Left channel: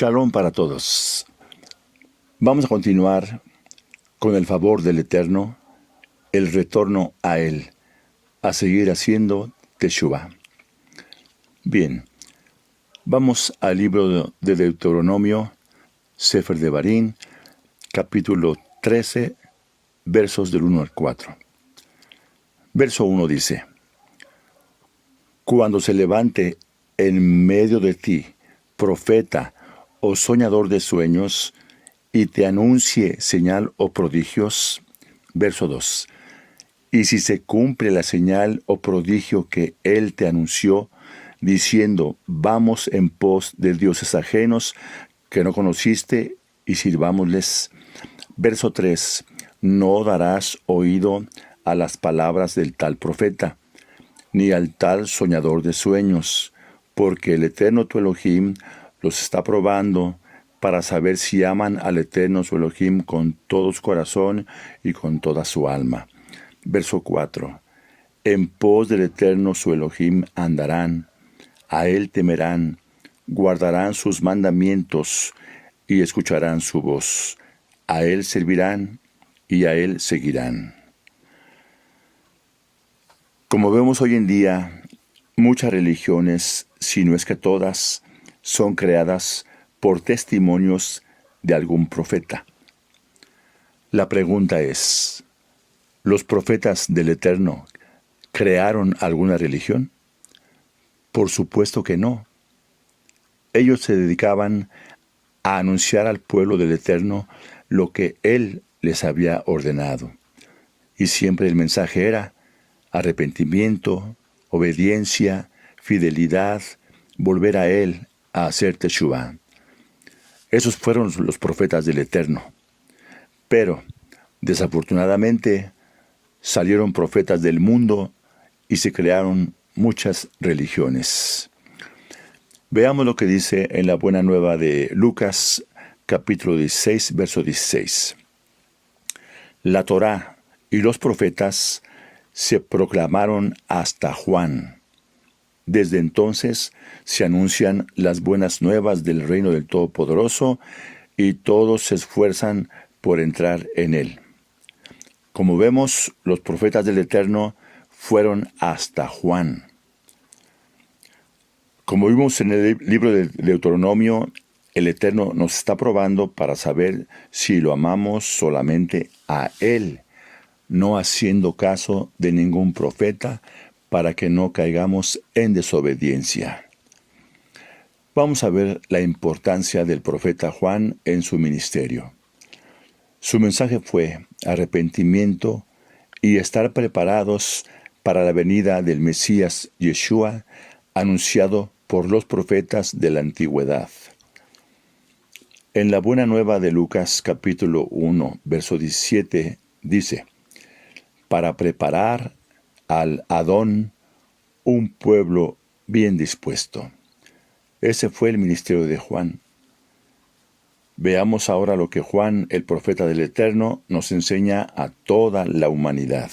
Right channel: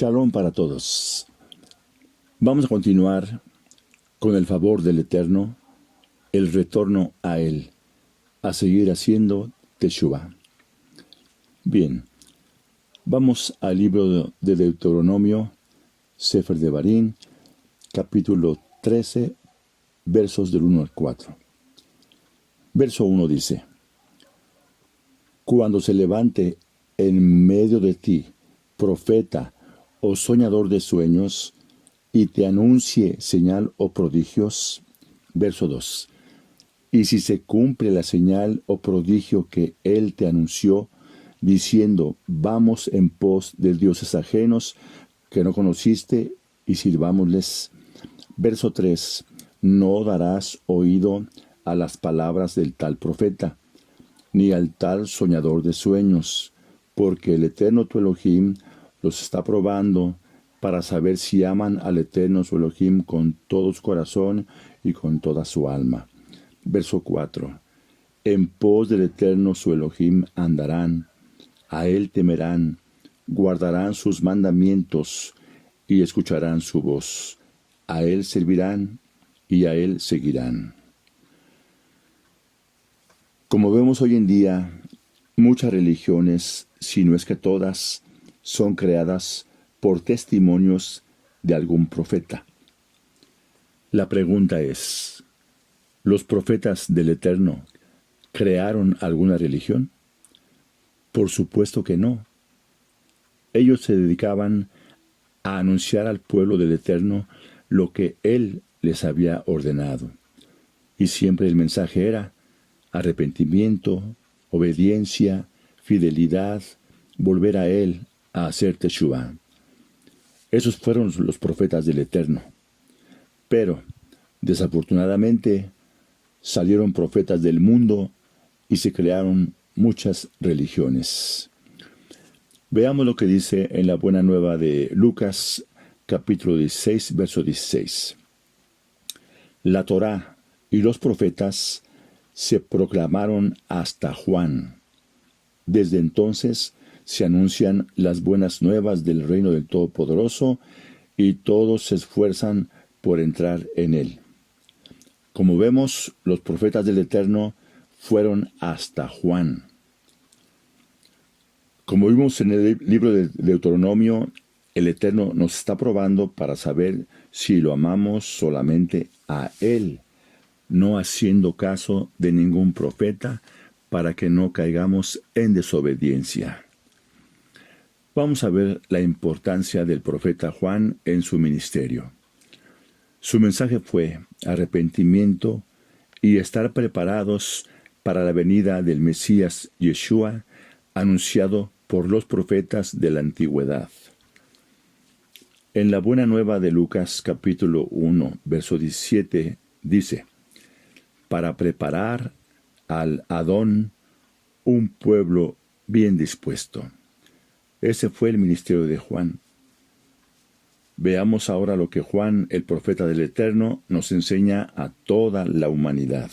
Shalom para todos. Vamos a continuar con el favor del Eterno, el retorno a Él, a seguir haciendo Teshuvah. Bien, vamos al libro de Deuteronomio, Sefer Devarim, capítulo 13, versos del 1 al 4. Verso 1 dice: Cuando se levante en medio de ti profeta o soñador de sueños, y te anuncie señal o prodigios. Verso 2. Y si se cumple la señal o prodigio que él te anunció, diciendo, vamos en pos de dioses ajenos que no conociste, y sirvámosles. Verso 3. No darás oído a las palabras del tal profeta, ni al tal soñador de sueños, porque el Eterno tu Elohim los está probando para saber si aman al Eterno su Elohim con todo su corazón y con toda su alma. Verso 4. En pos del Eterno su Elohim andarán, a él temerán, guardarán sus mandamientos y escucharán su voz. A él servirán y a él seguirán. Como vemos hoy en día, muchas religiones, si no es que todas, son creadas por testimonios de algún profeta. La pregunta es, ¿los profetas del Eterno crearon alguna religión? Por supuesto que no. Ellos se dedicaban a anunciar al pueblo del Eterno lo que Él les había ordenado. Y siempre el mensaje era arrepentimiento, obediencia, fidelidad, volver a Él, a hacer Teshuvah. Esos fueron los profetas del Eterno. Pero, desafortunadamente, salieron profetas del mundo y se crearon muchas religiones. Veamos lo que dice en la Buena Nueva de Lucas, capítulo 16, verso 16. La Torá y los profetas se proclamaron hasta Juan. Desde entonces se anuncian las buenas nuevas del reino del Todopoderoso y todos se esfuerzan por entrar en él. Como vemos, los profetas del Eterno fueron hasta Juan. Como vimos en el libro de Deuteronomio, el Eterno nos está probando para saber si lo amamos solamente a Él, no haciendo caso de ningún profeta, para que no caigamos en desobediencia. Vamos a ver la importancia del profeta Juan en su ministerio. Su mensaje fue arrepentimiento y estar preparados para la venida del Mesías Yeshua, anunciado por los profetas de la antigüedad. En la Buena Nueva de Lucas capítulo 1, verso 17, dice, para preparar al Adón un pueblo bien dispuesto. Ese fue el ministerio de Juan. Veamos ahora lo que Juan, el profeta del Eterno, nos enseña a toda la humanidad.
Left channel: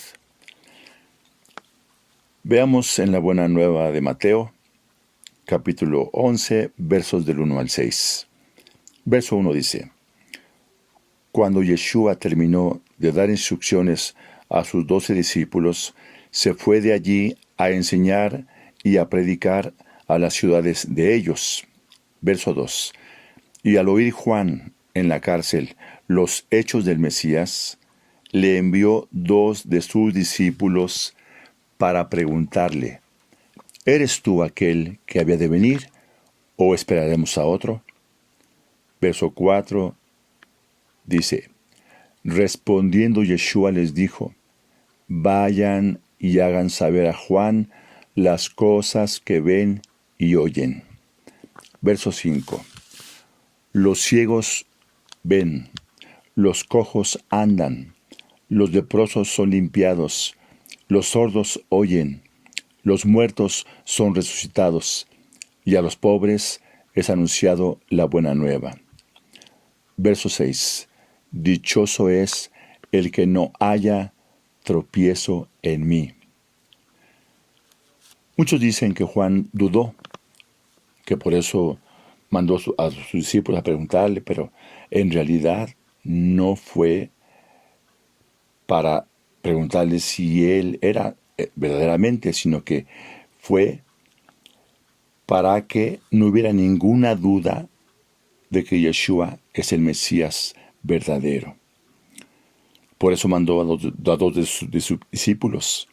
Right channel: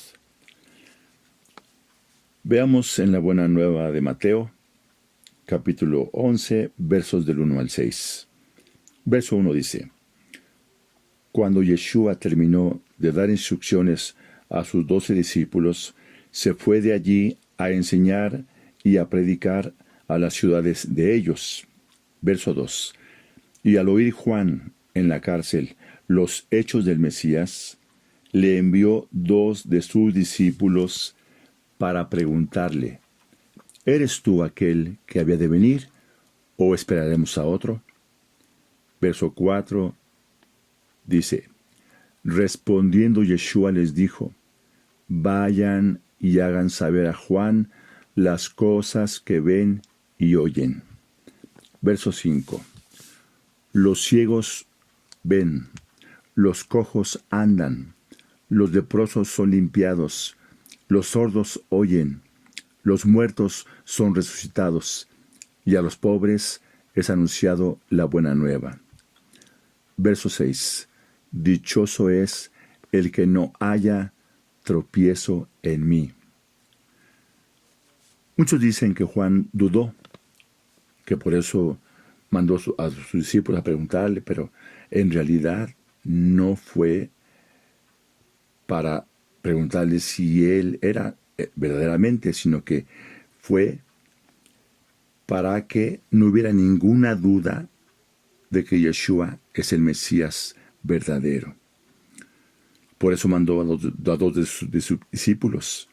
Veamos en la Buena Nueva de Mateo, capítulo 11, versos del 1 al 6. Verso 1 dice, Cuando Yeshua terminó de dar instrucciones a sus 12 discípulos, se fue de allí a enseñar y a predicar a las ciudades de ellos. Verso 2. Y al oír Juan en la cárcel los hechos del Mesías, le envió 2 de sus discípulos para preguntarle, ¿eres tú aquel que había de venir, o esperaremos a otro? Verso 4 dice, respondiendo Yeshua les dijo, vayan y hagan saber a Juan las cosas que ven y oyen. Verso 5. Los ciegos ven, los cojos andan, los leprosos son limpiados, los sordos oyen, los muertos son resucitados, y a los pobres es anunciado la buena nueva. Verso 6. Dichoso es el que no haya tropiezo en mí. Muchos dicen que Juan dudó, que por eso mandó a sus discípulos a preguntarle, pero en realidad no fue para preguntarle si él era verdaderamente, sino que fue para que no hubiera ninguna duda de que Yeshua es el Mesías verdadero. Por eso mandó a dos de sus discípulos,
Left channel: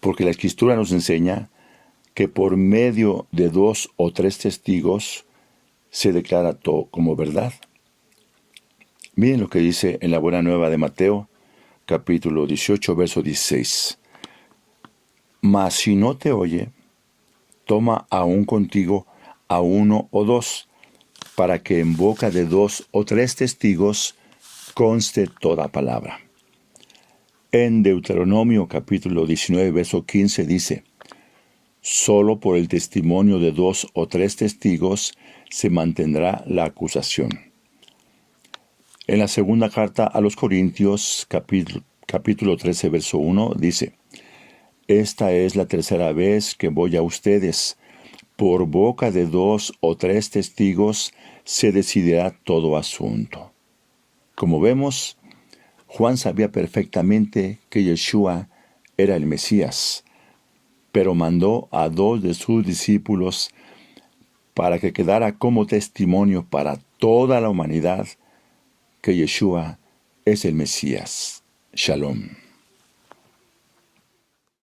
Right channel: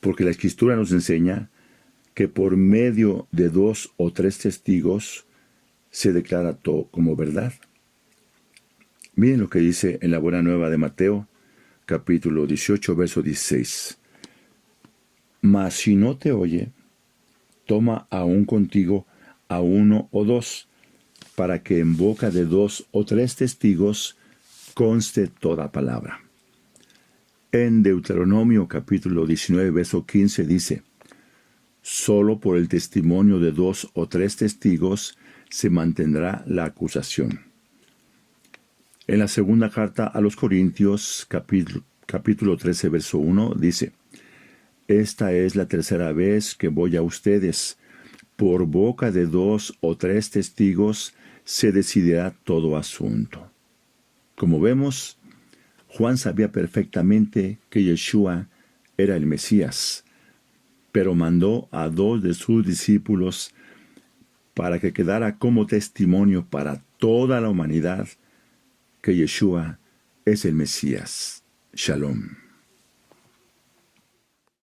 porque la Escritura nos enseña que por medio de 2 o 3 testigos se declara todo como verdad. Miren lo que dice en la Buena Nueva de Mateo, capítulo 18, verso 16. Mas si no te oye, toma aún contigo a 1 o 2, para que en boca de 2 o 3 testigos conste toda palabra. En Deuteronomio capítulo 19, verso 15 dice: solo por el testimonio de 2 o 3 testigos se mantendrá la acusación. En la segunda carta a los Corintios, capítulo 13, verso 1, dice: esta es la tercera vez que voy a ustedes. Por boca de 2 o 3 testigos se decidirá todo asunto. Como vemos, Juan sabía perfectamente que Yeshua era el Mesías, pero mandó a 2 de sus discípulos para que quedara como testimonio para toda la humanidad que Yeshua es el Mesías. Shalom.